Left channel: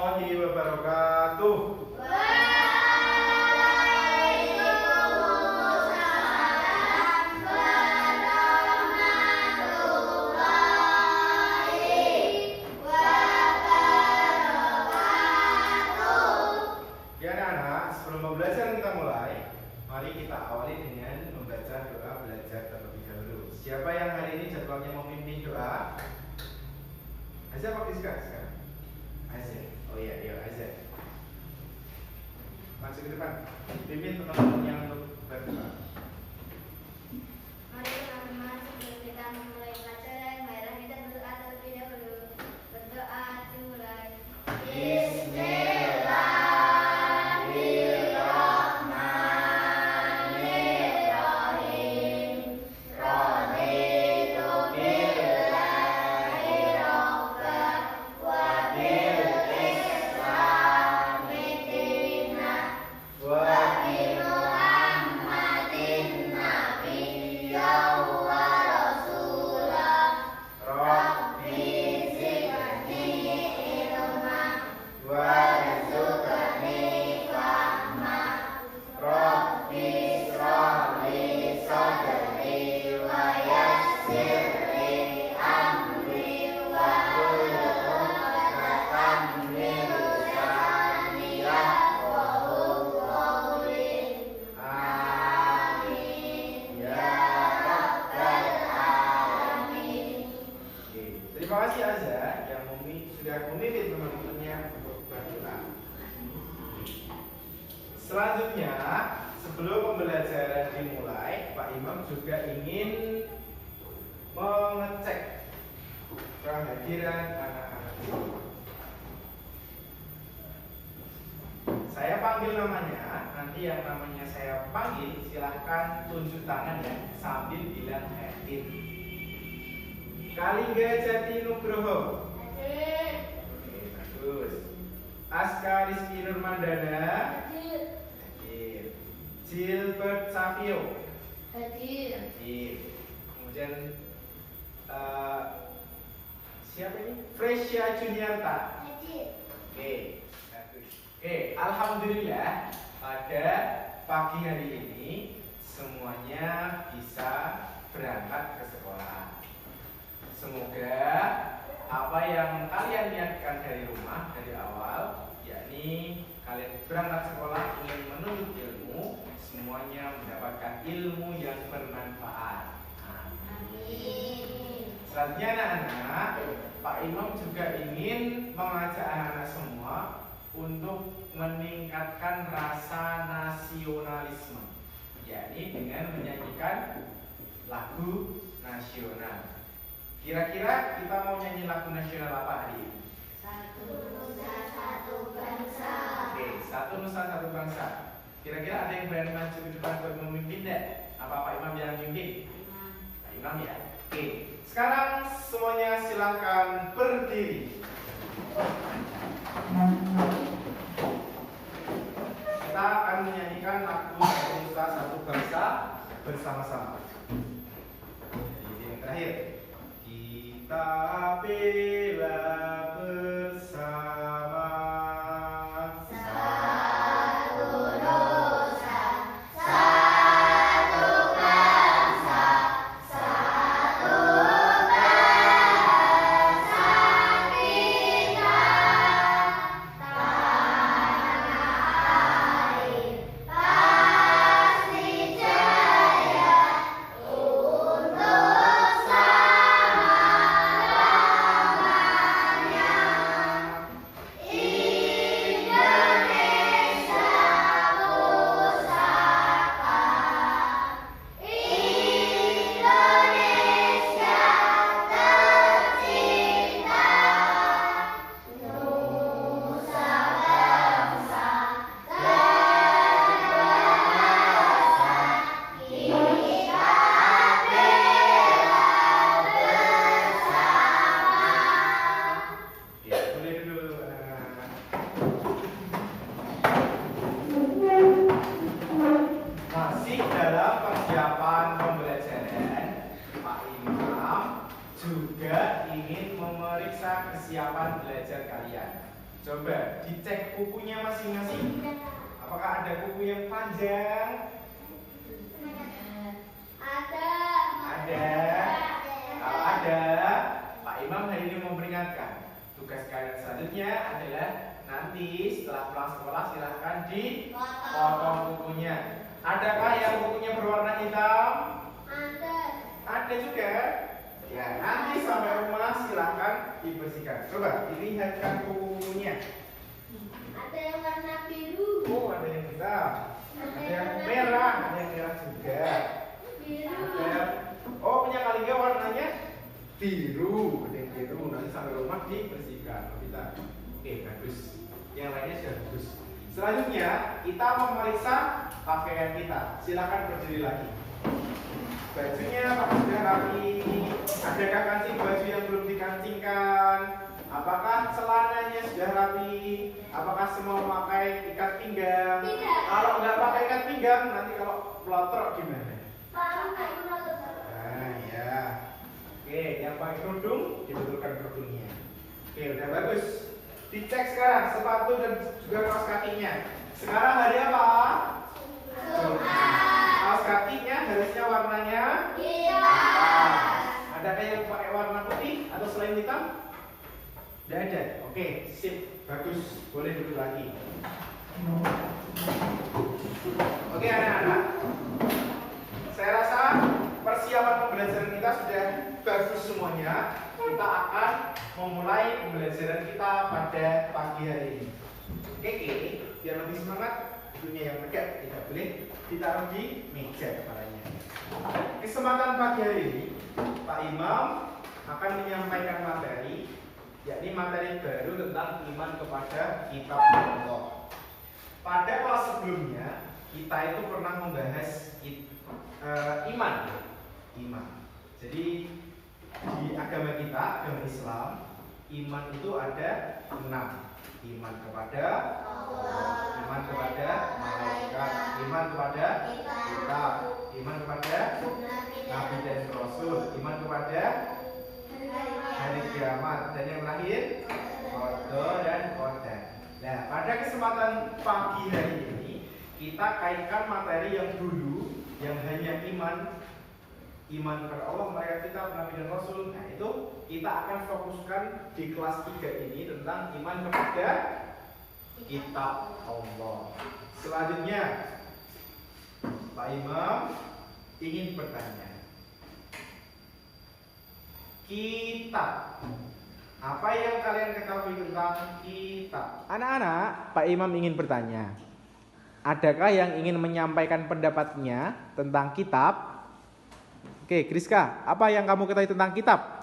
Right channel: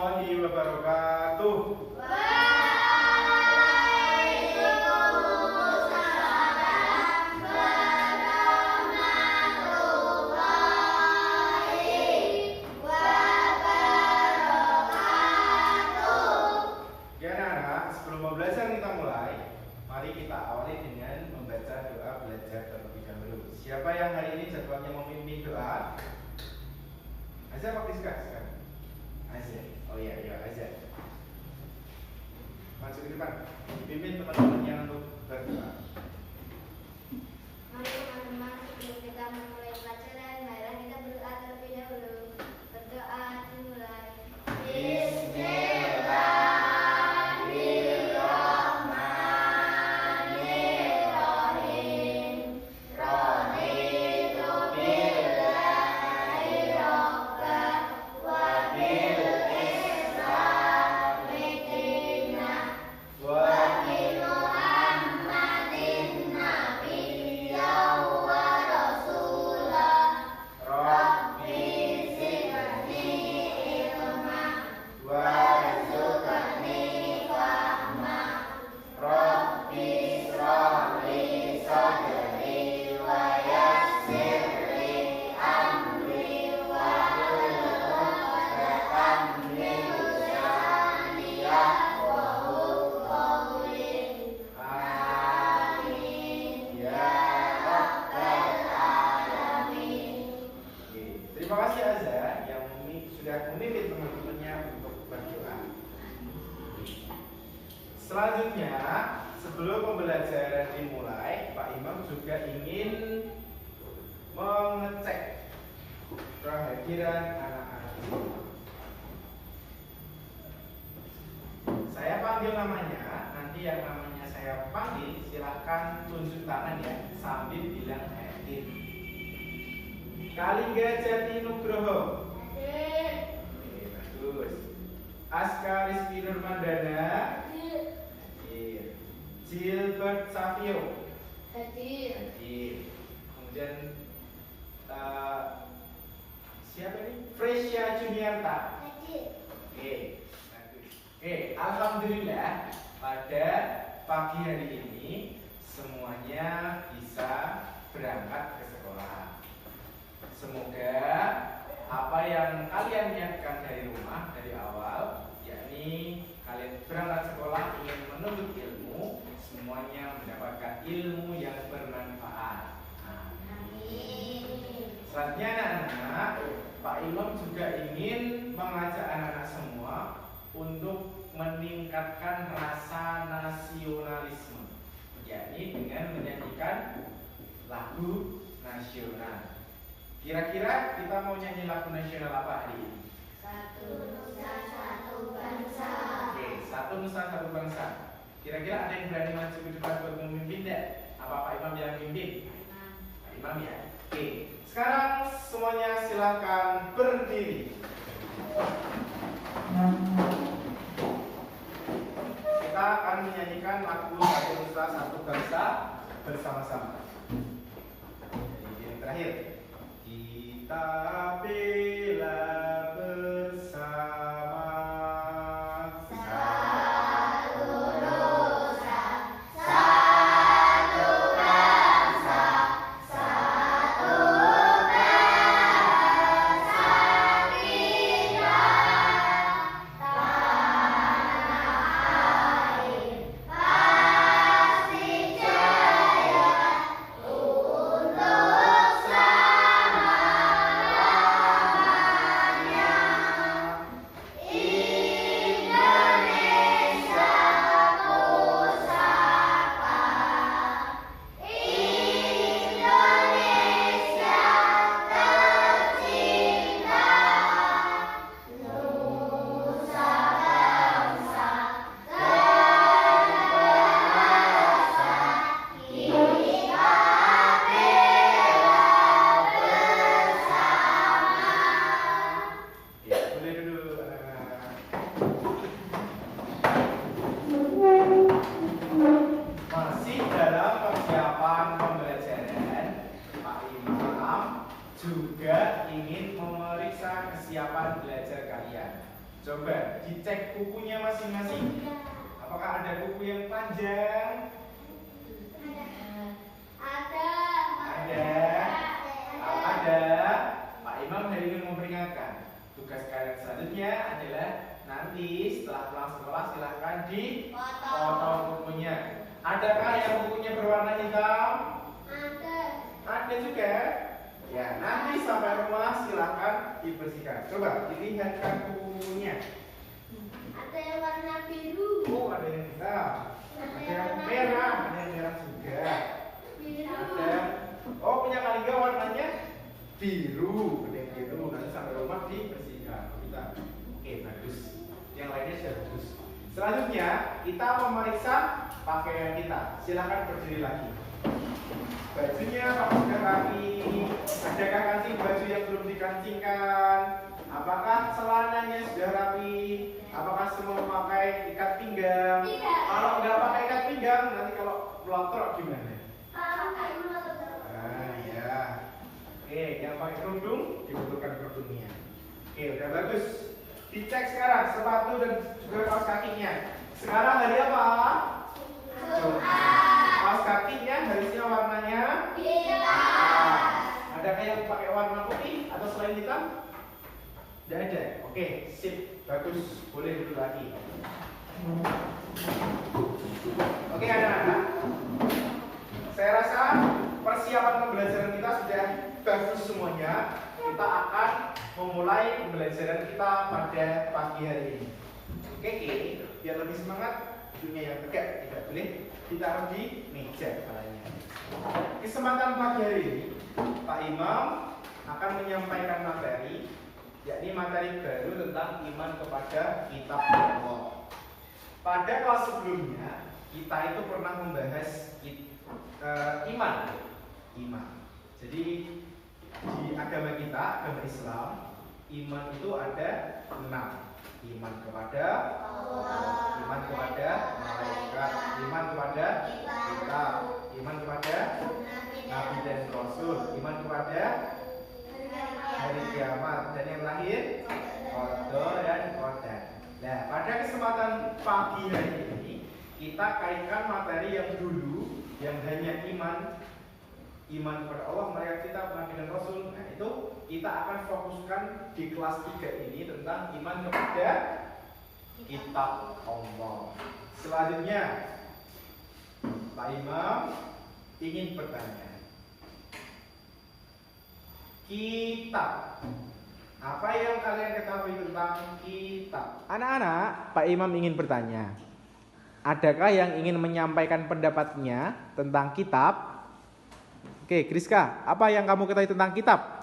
warahmatullahi wabarakatuh. Waalaikumsalam warahmatullahi wabarakatuh. Ya anak-anak, sebelum pembelajaran kita mulai, mari kita awali dengan membaca doa belajar terlebih dahulu. Siapa yang hari ini jadwalnya memimpin doa? Azza pakai sekarang. Azza. Oh iya, Azza. Maju ke depan. Pimpin teman-teman yang berdoa. Mari teman-teman, sebelum kita memulai pelajaran, marilah kita berdoa terlebih dahulu. Berdoa dimulai. Bismillahirrahmanirrahim. Raditu billahi rabba wa bil islami dinan wa bi Muhammadin nabiyyan wa rasulah. Rabbi zidni ilman warzuqni fahma. Rabbi ishrah li sadri wa yassir li amri wahlul 'uqdatam min lisani yafqahu qawli. Amin ya rabbal alamin. Oke, terima kasih Azza yang sudah memimpin teman-temannya untuk berdoa. Selanjutnya, sebelum pembelajaran dimulai, Pak Imam juga ingin mengecek kehadiran anak-anak di rumah. Saya panggil namanya, nanti yang namanya saya panggil silahkan tunjuk tangan ya sambil bilang hadir. Kalingga Jati Nugroho. Hadir. Oke, bagus. Aska Rizky Nurmandana. Hadir. Hadir. Gilbert Savio. Hadir. Hadir. Kemudian siapa ini? Fresia Juniarta. Hadir. Oke, bagus. Oke, alhamdulillah pada pagi hari ini semuanya bisa berangkat ke sekolah. Semoga apa yang kalian niatkan dari rumah dari awal, yakni kalian berangkat sekolah ingin menuntut ilmu, semuanya mendapatkan ilmu yang bermanfaat. Amin. Selanjutnya anak-anak, Pak Imam juga ingin mengajak anak-anak semua untuk meningkatkan rasa nasionalisme, yakni dengan menyanyikan lagu nasional. Kira-kira kita mau nyanyi lagu nasional apa hari ini? Satu nusa satu bangsa. Oke, satu nusa satu bangsa. Kira-kira ada yang berani maju ke depan buat memimpin deh? Apa Pak Imam yang pimpin? Pak Imam ya. Oke, sekarang semuanya silakan berdiri. Kita akan menyanyikan lagu satu nusa satu bangsa bersama-sama. Jadi yang terakhir. Kita bela bersama. Satu nusa, satu bangsa, satu bangsa kita. Tanah air pasti jaya untuk selama-lamanya. Indonesia pusaka, Indonesia tercinta. Nusa bangsa terbangsa, kita bela bersama. Ya, boleh dulu. Masih dalam persiapan pembelajaran, Pak Imam juga ingin memeriksa kesiapan belajar kalian. Coba dicek bukunya masing-masing. Apakah ada buku yang panjang? Ada. Kalau ada, Pak Imam hari ini memperingatkan. Tugas kalian selanjutnya adalah nanti setelah pulang sekolah silahkan dipotong bukunya. Adakah yang bukunya berwarna hitam? Ada juga. Ya, nanti sampai rumah silahkan dibersihkan. Coba dilihatkan bukunya. Ada yang warna biru. Oh, ada yang hitam. Ada yang merah, ada yang merah juga. Ada. Oh, punya Kalingga warnanya biru. Ada yang biru. Nanti sampai rumah dibersihkan. Kita. Oke, bagus. Yang lainnya sudah bagus. Selanjutnya kita memeriksa pakaian kita. Silakan berdiri lagi. Bajunya apakah sudah rapi? Adakah kancing baju yang belum dikancingkan? Apakah celananya sudah rapi? Apakah semua memakai ikat pinggang? Tidak. Kalau nggak pakai ikat pinggang, nanti kalau melotot gimana? Nah, ya. Oke, yang pakai kerudung dibetulkan kerudungnya. Oke, udah bagus. Dicek sekarang sepatu dan juga kaos kakinya. Sekarang hari apa? Kaos kakinya harusnya warnanya hitam. Adakah yang pakai warna putih atau selain hitam? Tidak ada. Oke, sip, bagus. Boleh duduk lagi. Oke, anak-anak. Saya rasa persiapan pembelajaran kita sudah bagus semuanya. Kita akan memulai pembelajaran kita pada pagi hari ini. Oke, biar lebih semangat, duduknya yang tegak, tidak boleh ditaruh di meja kepalanya. Kesempatan pagi hari ini, Pak Imam akan menyampaikan materi, yakni materi baru tentang iman kepada kitab Allah. Pada kelas sebelumnya, kita itu pernah membahas iman. Jadi di agama kita, agama Islam, iman itu ada 6. Iman kepada Allah, iman kepada malaikat, iman kepada kitab, iman kepada nabi dan rasul, iman kepada hari kiamat, dan yang lahir qadar dan qadar. Nah, pada kesempatan pagi hari ini kita kaitkan materi yang dulu yang hanya iman kepada Allah, malaikat, kitab, nabi dan rasul. Nah, itu kita akan fokuskan di kelas 3 ini tentang iman kepada kitab Allah. Selanjutnya Pak Imam ingin bertanya, kitab, apa yang kalian ketahui tentang kitab? Anak-anak, Pak Imam ingin bertanya, adakah yang ingin menyampaikan pendapatnya tentang kitab? Oke, Kriska, apa yang kamu ketahui tentang kitab?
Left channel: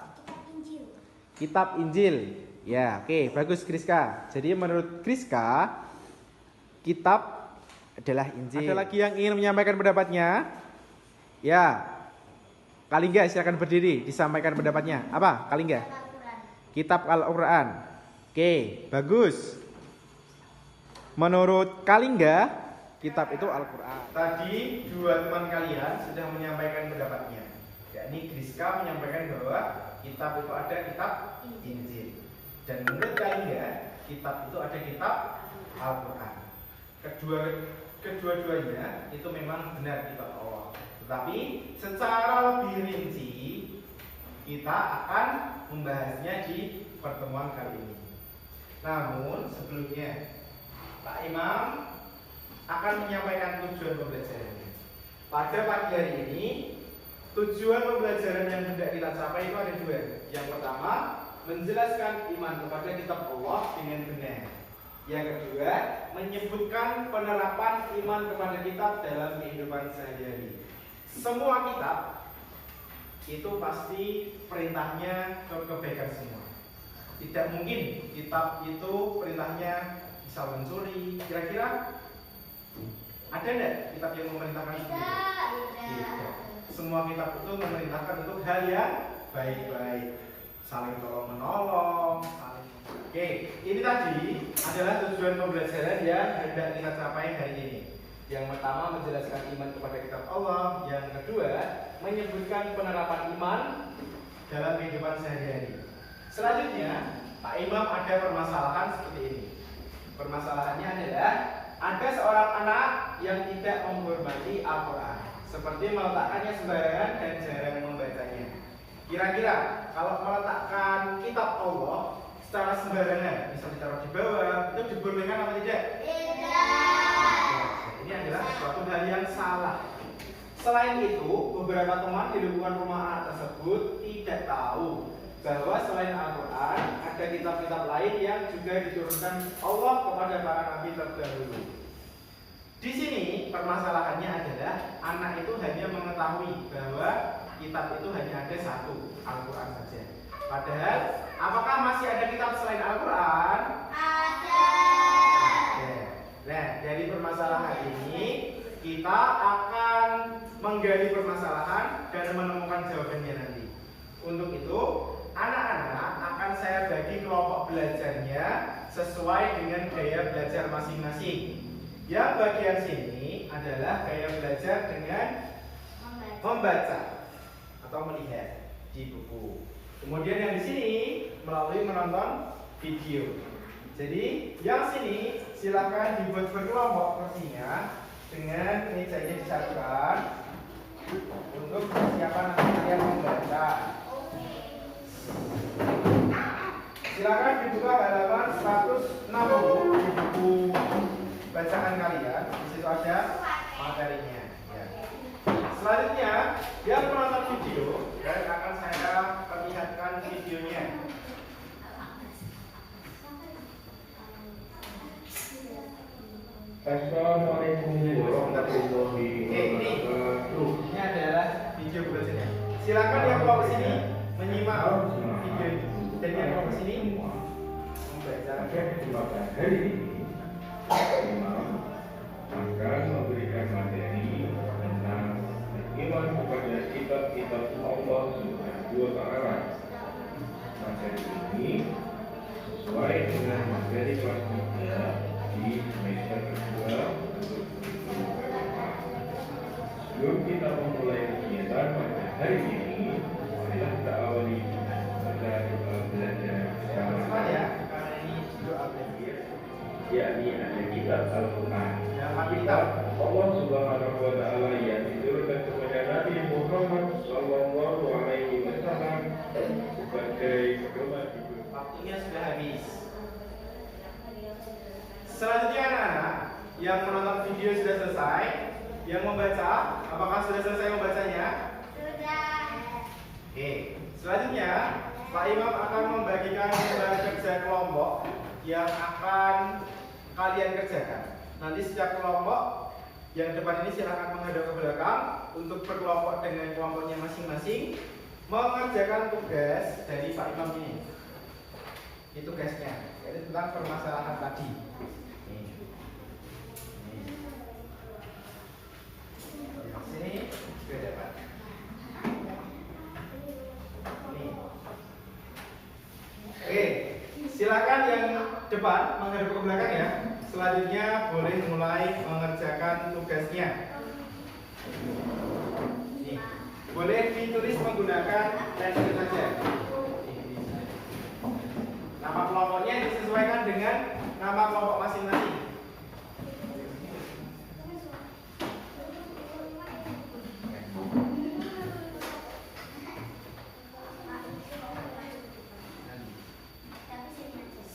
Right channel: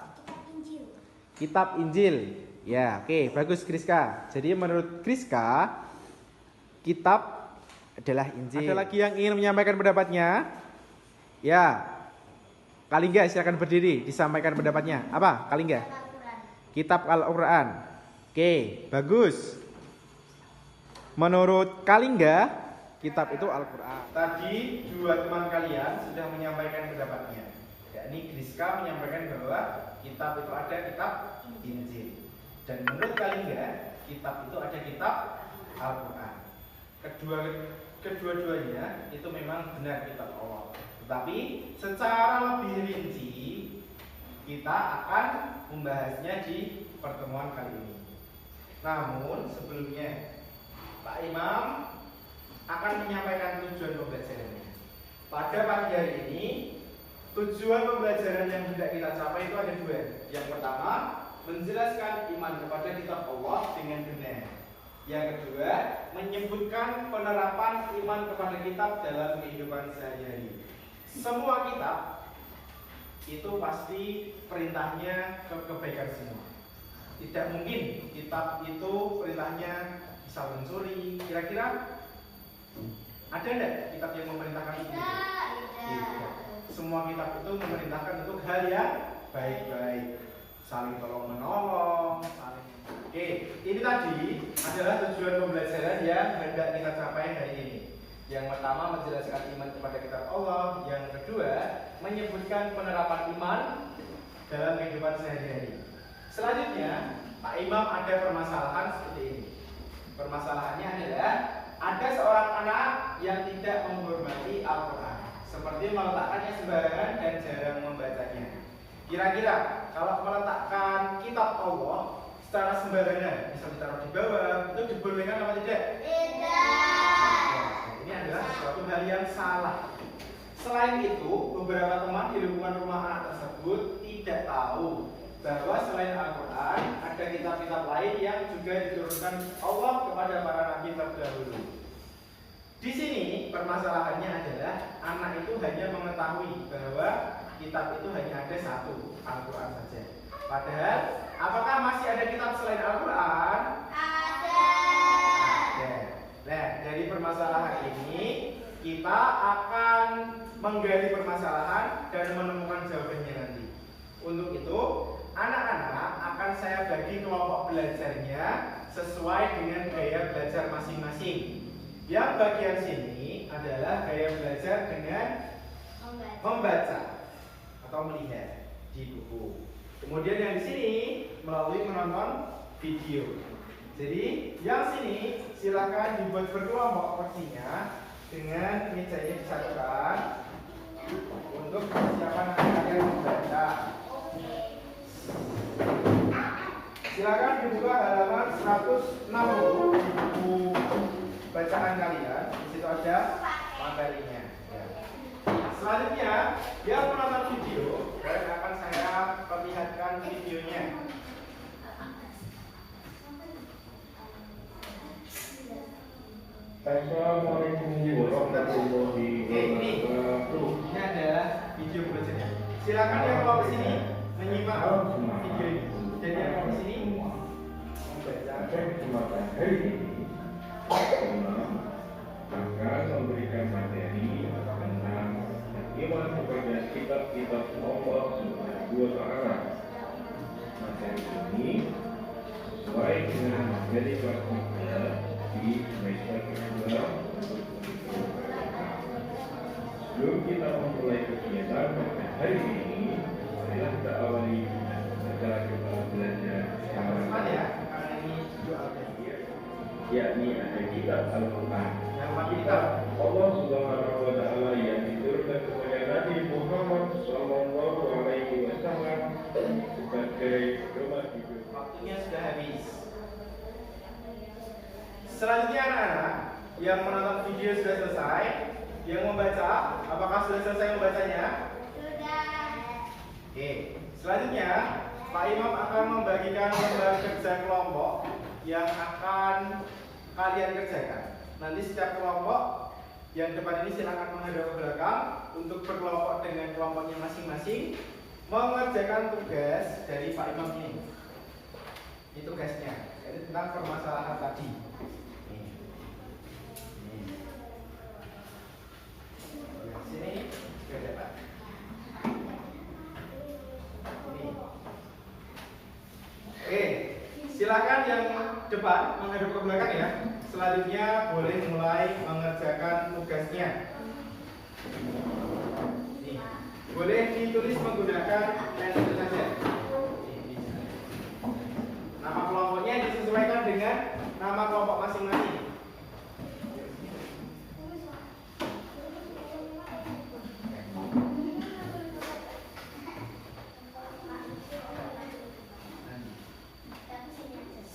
Kitab Injil. Ya, oke, bagus Kriska. Jadi menurut Kriska, kitab adalah Injil. Ada lagi yang ingin menyampaikan pendapatnya? Ya, Kalingga silakan berdiri, disampaikan pendapatnya. Apa, Kalingga? Kitab Al-Quran. Oke, bagus. Menurut Kalingga, kitab itu Al-Quran. Tadi dua teman kalian sudah menyampaikan pendapatnya. Yakni Kriska menyampaikan bahwa kitab itu ada kitab Injil. Dan menurut Kalingga, kitab itu ada kitab Al-Quran. Kedua-duanya itu memang benar kitab Allah. Tetapi secara lebih rinci kita akan membahasnya di pertemuan kali ini. Namun sebelumnya Pak Imam akan menyampaikan tujuan pembelajarannya. Pada pagi hari ini tujuan pembelajaran yang hendak kita capai itu ada 2. Yang pertama, menjelaskan iman kepada kitab Allah dengan benar. Yang kedua, menyebutkan penerapan iman kepada kitab dalam kehidupan sehari-hari. Semua kitab itu pasti perintahnya ke kebaikan semua. Tidak mungkin kitab itu perintahnya misal mencuri. Kira-kira ada enggak kitab yang memerintahkan itu? Tidak. Semua kitab itu memerintahkan untuk hal yang baik-baik, saling tolong menolong, Oke, ini tadi adalah tujuan pembelajaran yang hendak kita capai hari ini. Yang pertama, menjelaskan iman kepada kitab Allah. Yang kedua, menyebutkan penerapan iman dalam kehidupan sehari-hari. Selanjutnya, Pak Imam ada permasalahan seperti ini. Permasalahannya adalah ada seorang anak yang tidak menghormati Al-Quran, seperti meletakkannya sembarangan dan jarang membacanya. Kira-kira kalau meletakkan kitab Allah secara sembarangan, misal ditaruh di bawah, itu dibolehkan apa tidak? Tidak. Ini adalah suatu hal yang salah. Selain itu, beberapa teman di lingkungan rumah anak tersebut tidak tahu bahwa selain Al-Quran ada kitab-kitab lain yang juga diturunkan Allah kepada para nabi terdahulu. Di sini permasalahannya adalah anak itu hanya mengetahui bahwa kitab itu hanya ada satu, Al-Quran saja. Padahal, apakah masih ada kitab selain Al-Quran? Ada. Nah, dari permasalahan ini kita akan menggali permasalahan dan menemukan jawabannya nanti. Untuk itu, anak-anak akan saya bagi kelompok belajarnya sesuai dengan gaya belajar masing-masing. Yang bagian sini adalah gaya belajar dengan membaca atau melihat di buku. Kemudian yang di sini melalui menonton video. Jadi yang sini silakan dibuat berkelompok kursinya dengan meja ini disatukan untuk persiapan nanti kalian membaca. Silakan dibuka halaman 160 di buku bacaan kalian. Di situ ada materinya. Ya. Selanjutnya, yang menonton video dan akan saya perlihatkan videonya. Assalamualaikum warahmatullahi wabarakatuh. Ini adalah video bacanya. Silakan yang mau ke sini menyimak video ini. Dan yang mau ke sini Pada kesempatan hari ini, Imam akan memberikan materi tentang iman kepada kitab-kitab Allah Subhanahu wa Ta'ala. Materi ini sesuai dengan materi praktiknya di semester kedua untuk sebelum kita memulai kegiatan pada hari ini, marilah kita awali kita belajar secara ya, karena ini video al-tafsir. yakni ada kitab Al-Quran. Kitab Allah Subhanahu wa Ta'ala yang diturunkan kepada Nabi Muhammad Sallallahu Alaihi Wasallam sebagai pedoman hidup. Waktunya sudah habis. Selanjutnya anak-anak yang menonton video sudah selesai. Yang membaca, apakah sudah selesai membacanya? Sudah. Oke. Selanjutnya Pak Imam akan membagikan lembar kerja kelompok yang akan kalian kerjakan. Nanti setiap kelompok yang depan ini silakan menghadap ke belakang untuk berkelompok dengan kelompoknya masing-masing mengerjakan tugas dari Pak Imam ini. Ini tugasnya, jadi tentang permasalahan tadi. Nih. Di sini sudah dapat. Nih. Oke, silakan yang depan menghadap ke belakang ya. Selanjutnya boleh mulai mengerjakan tugasnya. Nih, boleh ditulis menggunakan pensil saja. Nama kelompoknya disesuaikan dengan nama kelompok masing-masing.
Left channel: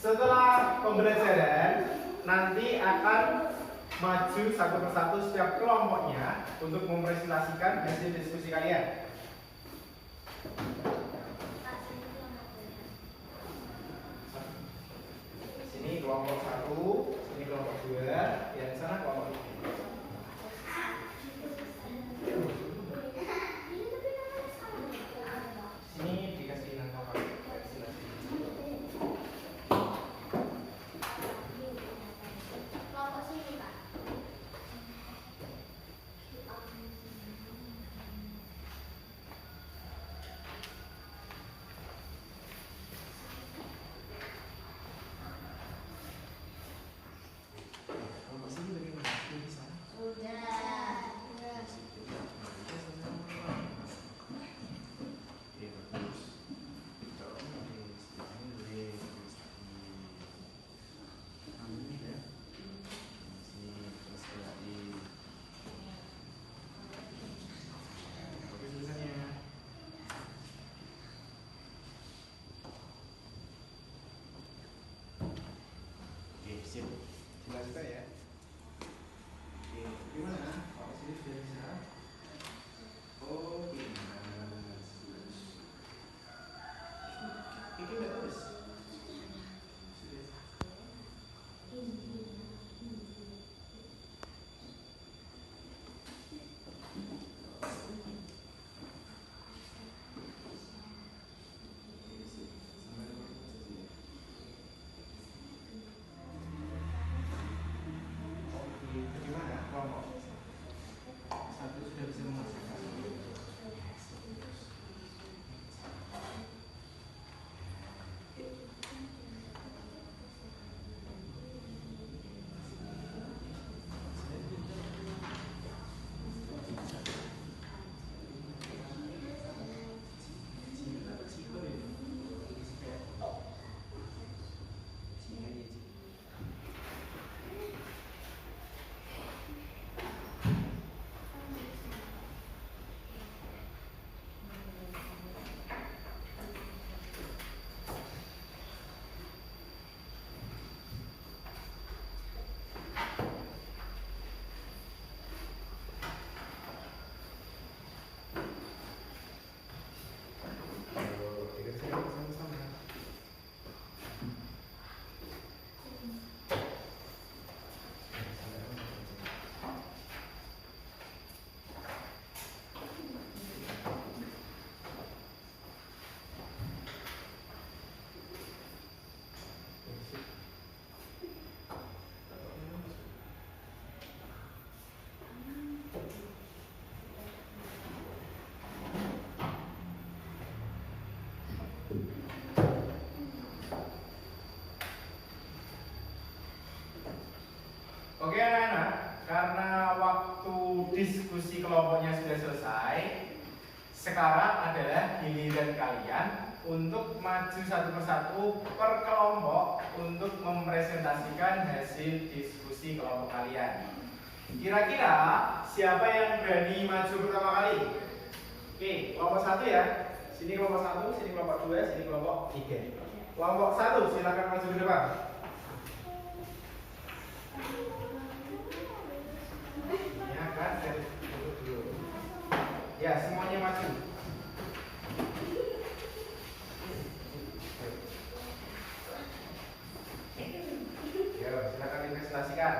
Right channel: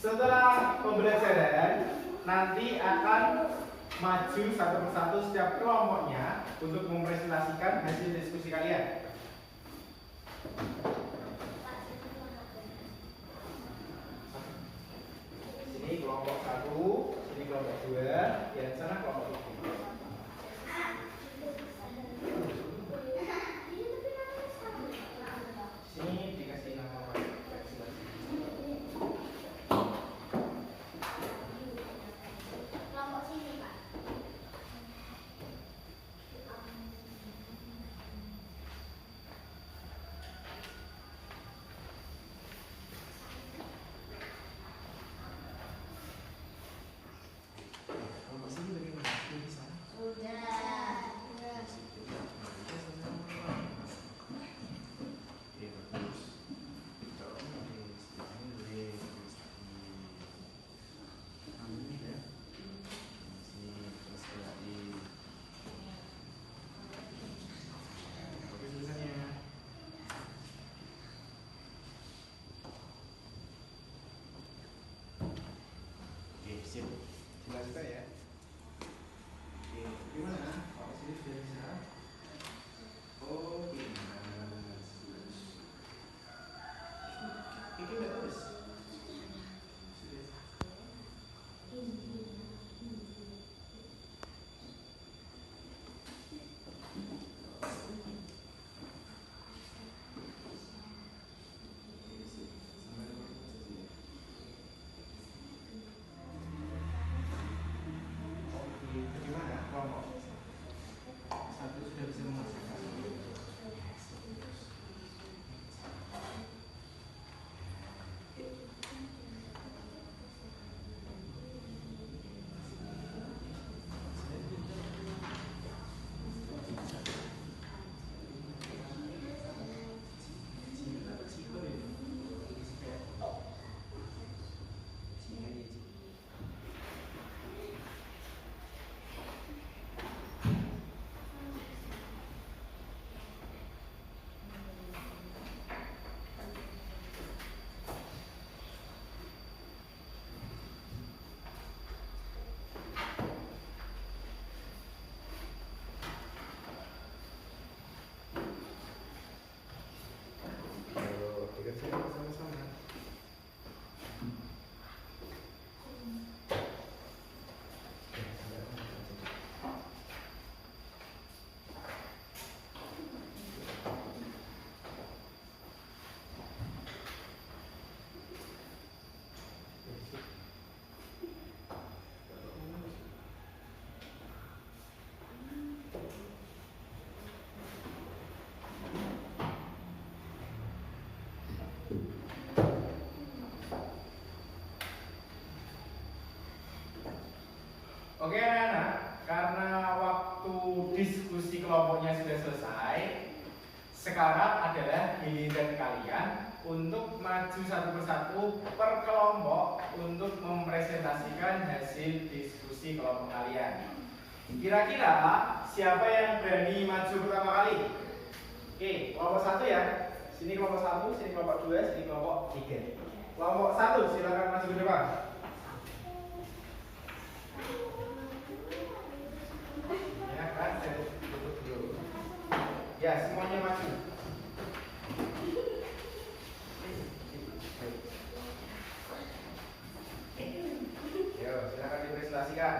Setelah pembelajaran, nanti akan maju satu persatu setiap kelompoknya untuk mempresentasikan hasil diskusi kalian. Sini kelompok 1, sini kelompok 2, di sana kelompok 3. Sini dikasih nama Kelompok sini, Pak. kelompok sini bagaimana? juga ya. Oke, gimana? Pak sini sudah bisa? Oh, pintar. Ini udah tulis. Bagaimana kelompok? Satu sudah bisa mengerjakan. Dikerjakan sama-sama. Oke anak-anak, karena waktu diskusi kelompoknya sudah selesai, sekarang adalah giliran kalian untuk maju satu persatu per kelompok untuk mempresentasikan hasil diskusi kelompok kalian. Kira-kira siapa yang berani maju pertama kali? Oke, kelompok satu ya. Sini kelompok satu, sini kelompok dua, sini kelompok tiga. Kelompok satu, silakan maju ke depan. Ya kan, dari dulu. Ya, semuanya maju. Ya, silakan dipresentasikan.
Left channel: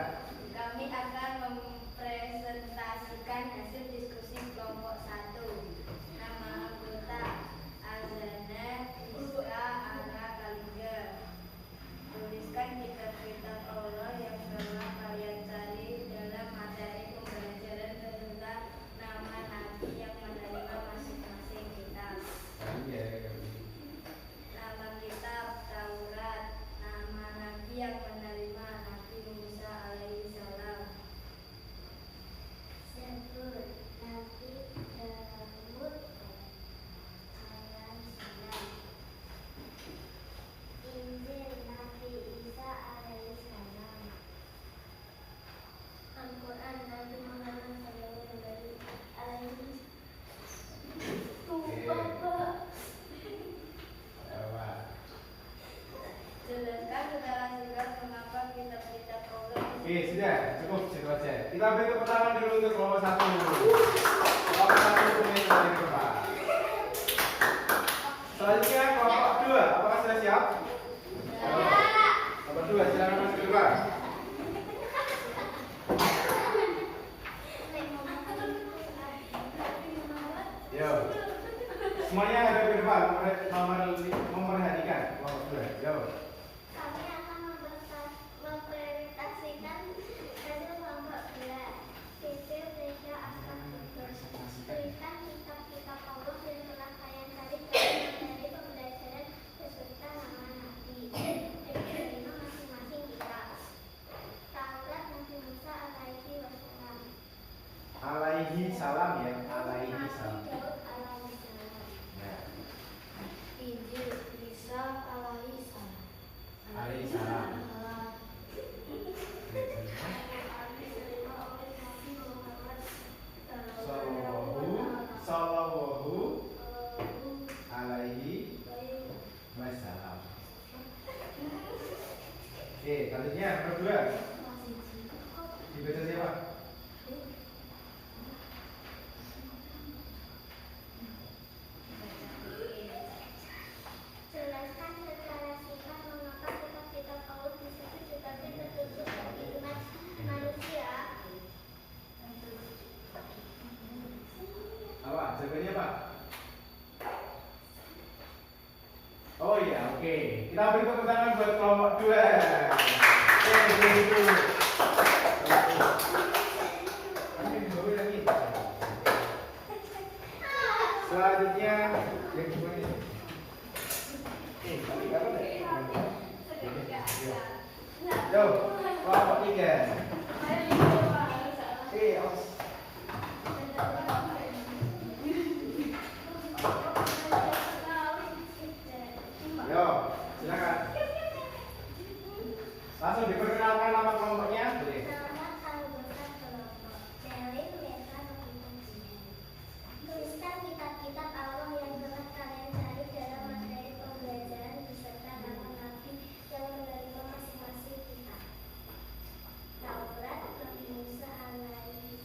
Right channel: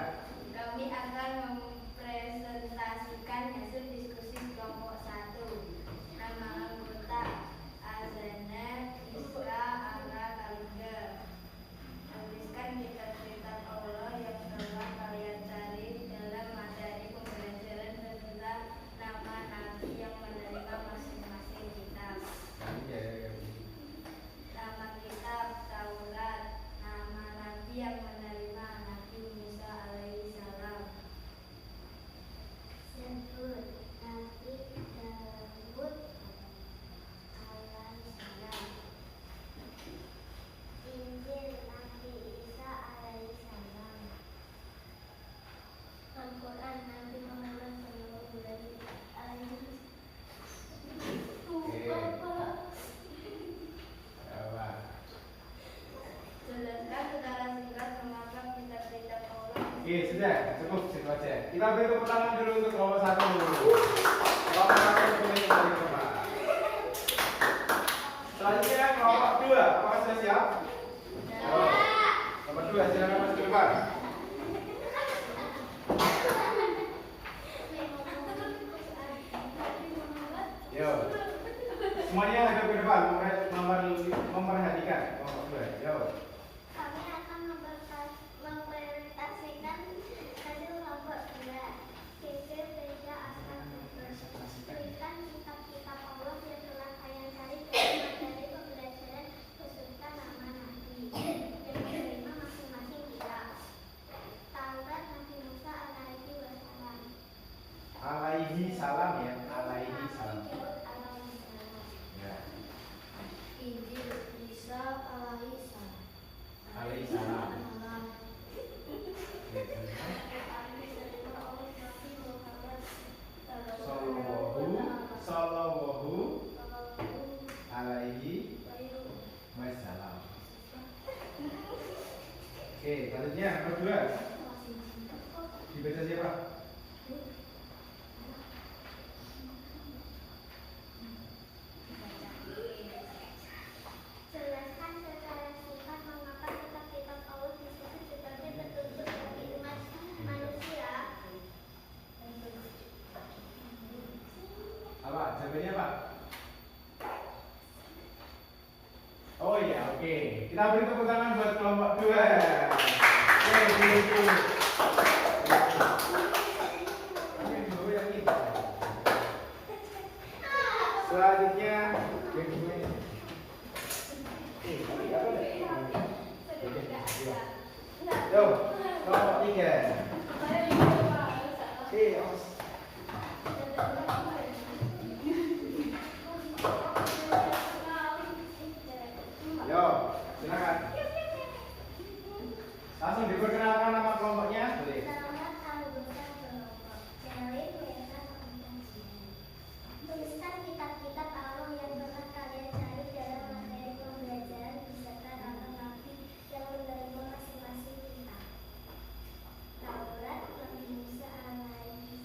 Kami akan mempresentasikan hasil diskusi kelompok 1. Nama anggota Azana Iska Ana Kaliga. Tuliskan kitab-kitab Allah yang telah kalian cari dalam materi pembelajaran tentang nama nabi yang menerima masing-masing kitab. Nama kitab Taurat, nama nabi yang menerima Nabi Musa alaihi salam. Zabur, Nabi Daud alaihi salam. Injil, Nabi Isa alaihi salam. Al-Quran, Nabi Muhammad sallallahu alaihi wasallam. Jelaskan secara singkat mengapa kitab-kitab Allah. Oke, sudah cukup segitu aja. Kita beri tepuk tangan dulu untuk kelompok satu. Kelompok satu ini dari depan. Selanjutnya kelompok dua, apakah sudah siap? Kelompok dua, silakan maju ke depan. Yo, semuanya ada ke depan, memperhatikan kelompok dua. Yo. Kami akan mempresentasikan hasil kelompok 2. Sisi Reja akan tuliskan kitab-kitab Allah yang telah kalian cari dalam materi pembelajaran beserta nama nabi yang menerima masing-masing kitab. Taurat Nabi Musa alaihi wasallam. Alaihi salam ya, alaihi salam. Daud alaihi salam. Ya, Injil Isa alaihi salam. alaihi salam. Sallallahu alaihi wasallam. Oke, selanjutnya nomor 2. Dibaca siapa? Jelaskan secara singkat mengapa kitab-kitab Paulus disebut sebagai petunjuk bagi umat manusia. Apa? Jawabannya apa? Oh iya, oke. Kita beri tepuk tangan buat kelompok 2. Gitu. Selanjutnya yang kedua ini. Yo, kelompok 3. Yo, silakan. Langsung diperkenalkan nama kelompoknya, boleh. Selamat anggota kelompok. Dari mereka tuliskan kitab-kitab Allah yang pernah kalian cari dalam materi pembelajaran beserta nama nabi yang menerima masing-masing kitab. Taurat, Nabi Musa alaihi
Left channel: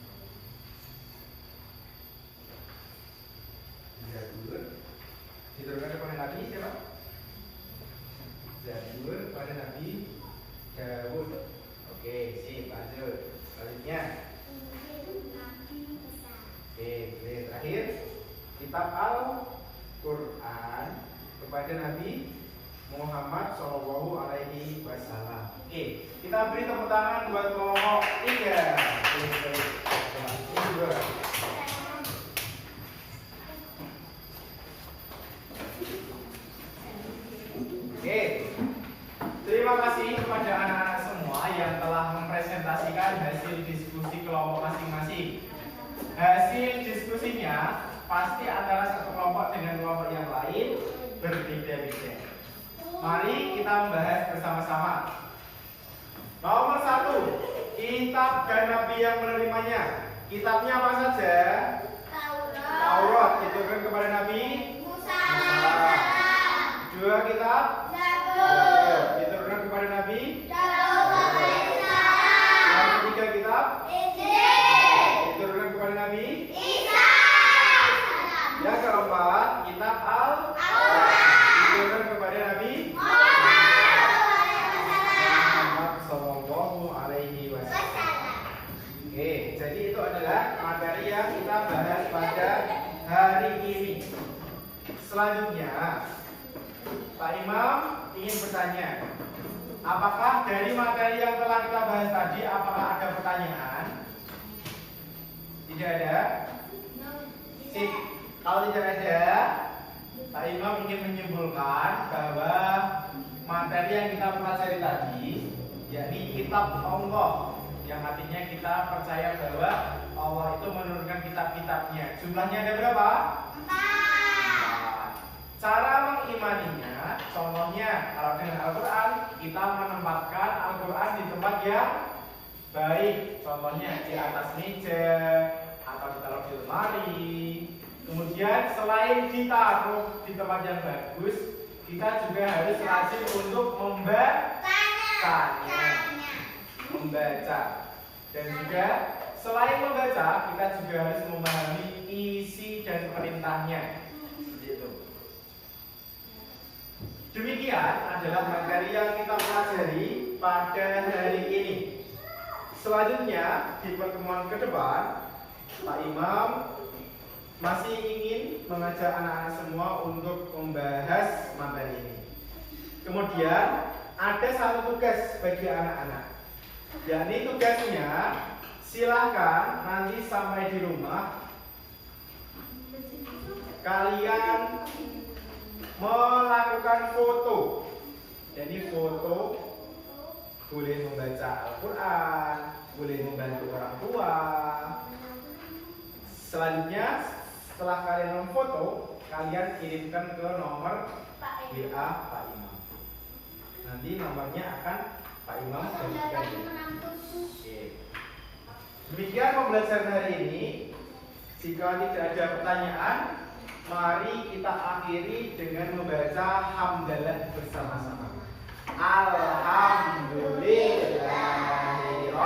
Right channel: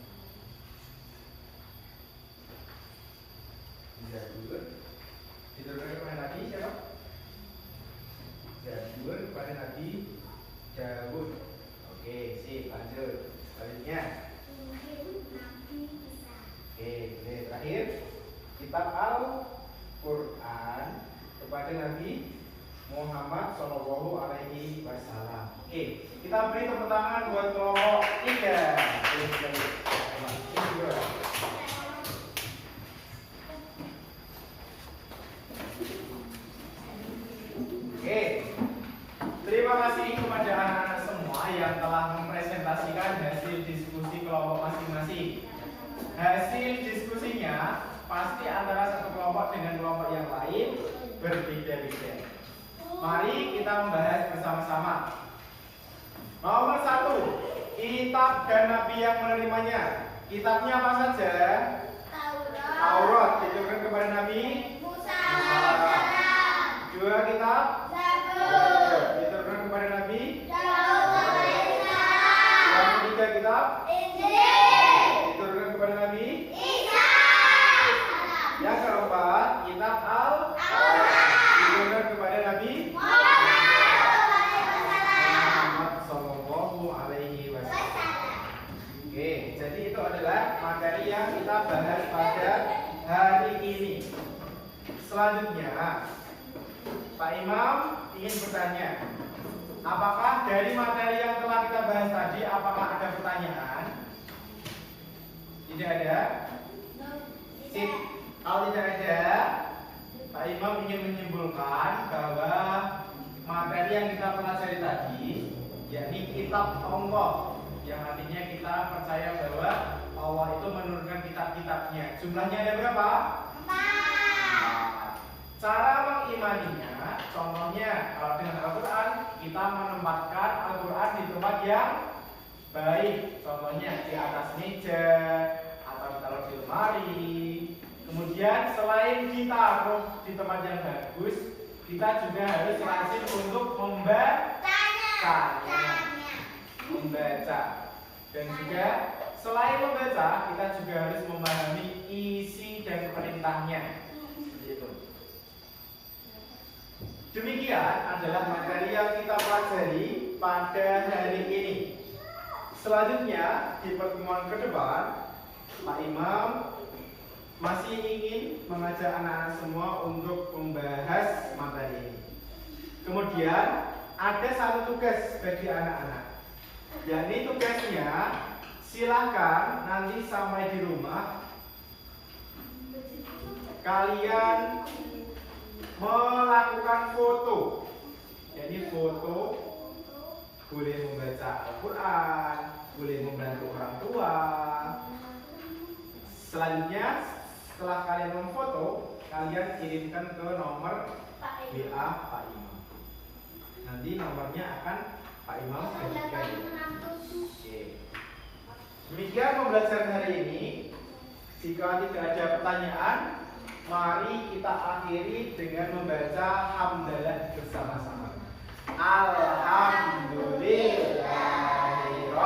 Zabur. Diturunkan kepada Nabi siapa? Zabur kepada Nabi Daud. Oke, sip, lanjut. Selanjutnya. Injil Nabi Isa. Oke, terakhir kitab Al-Quran kepada Nabi Muhammad Shallallahu Alaihi Wasallam. Oke, kita beri tepuk tangan buat kelompok 3. Ini juga. Oke, terima kasih kepada anak-anak semua yang telah mempresentasikan hasil diskusi kelompok masing-masing. Hasil diskusinya pasti antara satu kelompok dengan kelompok yang lain berbeda-beda. Mari kita membahas bersama-sama. Nomor 1, kitab dan nabi yang menerimanya. Kitabnya apa saja? Taurat diturunkan kepada Nabi Musa. 2 kitab Zabur. diturunkan kepada Nabi. Daud. Yang ketiga kitab Injil. diturunkan kepada Nabi. Isa. Yang keempat kitab Al-Quran. diturunkan kepada Nabi Muhammad Sallallahu Alaihi Wasallam. Oke, jadi itu adalah materi yang kita bahas pada hari ini. Selanjutnya, Pak Imam ingin bertanya, apakah dari materi yang telah kita bahas tadi, apakah ada pertanyaan? Tidak ada? Sip. Kalau tidak ada, Pak Imam ingin menyimpulkan bahwa materi yang kita pelajari tadi, yakni kitab Allah, yang artinya kita percaya bahwa Allah itu menurunkan kitab-kitabnya. Jumlahnya ada berapa? 4. Cara mengimaninya, contohnya kalau dengan Al-Quran, kita menempatkan Al-Quran di tempat yang baik. Contohnya di atas meja atau ditaruh di lemari. Kemudian selain ditaruh di tempat yang bagus, kita juga harus rajin untuk membaca. Dan juga selain membaca, kita juga harus memahami isi dan perintahnya. Seperti itu. Demikian adalah materi yang kita pelajari pada hari ini. Selanjutnya di pertemuan ke depan, Pak Imam masih ingin mengajak anak-anak semua untuk membahas materi ini. Kemudian ada satu tugas bagi anak-anak, yakni tugasnya silahkan nanti sampai di rumah kalian melakukan foto. Jadi foto boleh membaca Al-Quran, boleh membantu orang tua. Selanjutnya setelah kalian memfoto, kalian kirimkan ke nomor WA Pak Imam. Nanti nomornya akan Pak Imam berikan. Oke. Demikian pembelajaran hari ini. Jika tidak ada pertanyaan, mari kita akhiri dengan membaca hamdalah bersama-sama. Alhamdulillahirabbil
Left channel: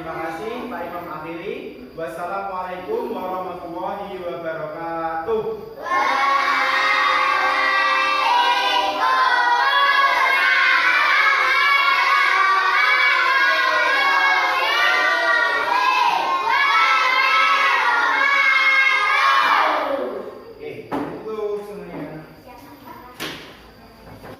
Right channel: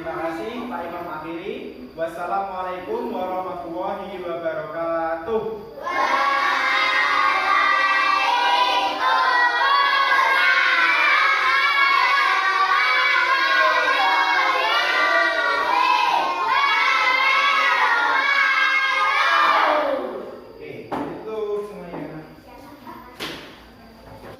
Terima kasih Pak Imam akhiri. Wassalamualaikum warahmatullahi wabarakatuh.